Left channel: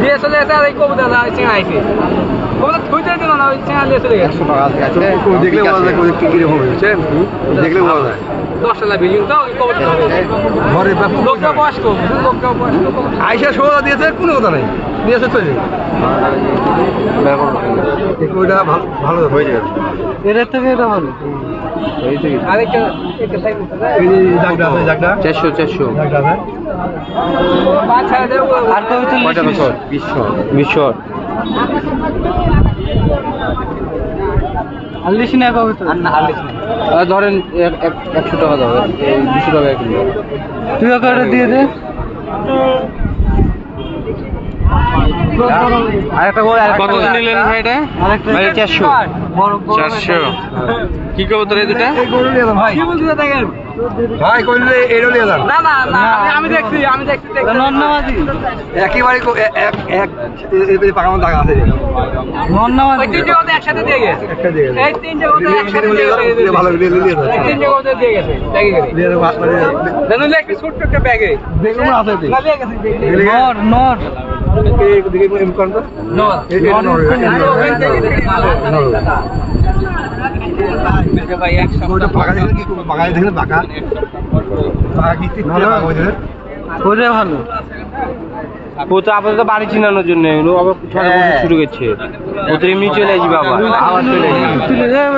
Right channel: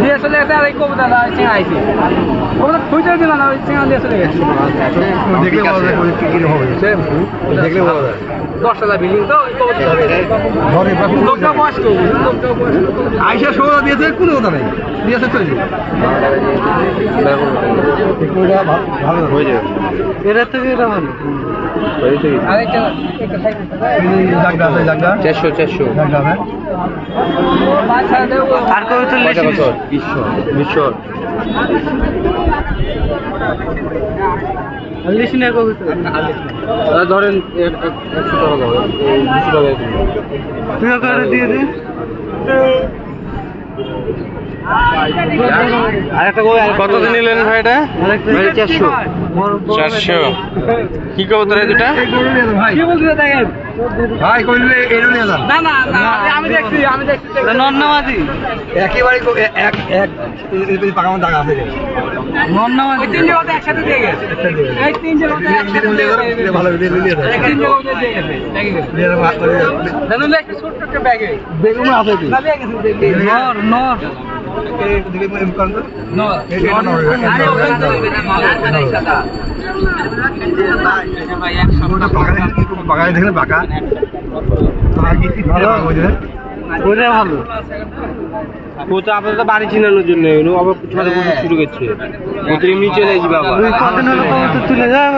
দিয়ে চলে গেছে আর এই কবুতর চেঙা আইছে কবুতর থুইতে দিল না ওই চেঙা দিয়ে চলে গেছে দেখলে 10 বিল্ডিং তো ওই কবুতর ধরে লোকটা বসত আইসা সোজা দিয়েছে কোনো কথা নাই দিয়েছে চলে ভালো হয়ে যাবে এর থেকে এটা ভালো আরেকটা একটা সাইড জায়গা 400 আর কবুতর লেছি 20 আলিস না কবুতর না ধরেন 100 টাকা দাও 200 টাকা কিলো তুই করে দিয়ে দে কত নিলেন ভাই এটা? 400 কি কবুতর এই দুটা? ভাই কি বলছিস দেখেন ভাই কইলে এরো নিয়ে যান না আমি দেখছি নন্নামাজি একেবারে এক এই পাকানো টাকা আছে নন্নামাজি ওই তিনটে কথা একসাথে দিয়ে গেছে এই তিনটে কথা একসাথে দিয়ে গেছে ভালো নিয়ে এই তিনটে কথা দিয়ে গেছে জানেন একটা ছোট একটা ব্যাগে বেগুন আছে কি না ব্যাগ আছে নর দিবে এম কারণ তো নর ভাই এক সপ্তাহ বাগানে দেখেন বাঁকা ভালো করে ভালো ও তো আপাতত বাড়ি চিনানোর জন্য এগুলো আবার ছোট বছর শুরু করছে ওদের এমনি চলে আসবে বাবা তুলে যায়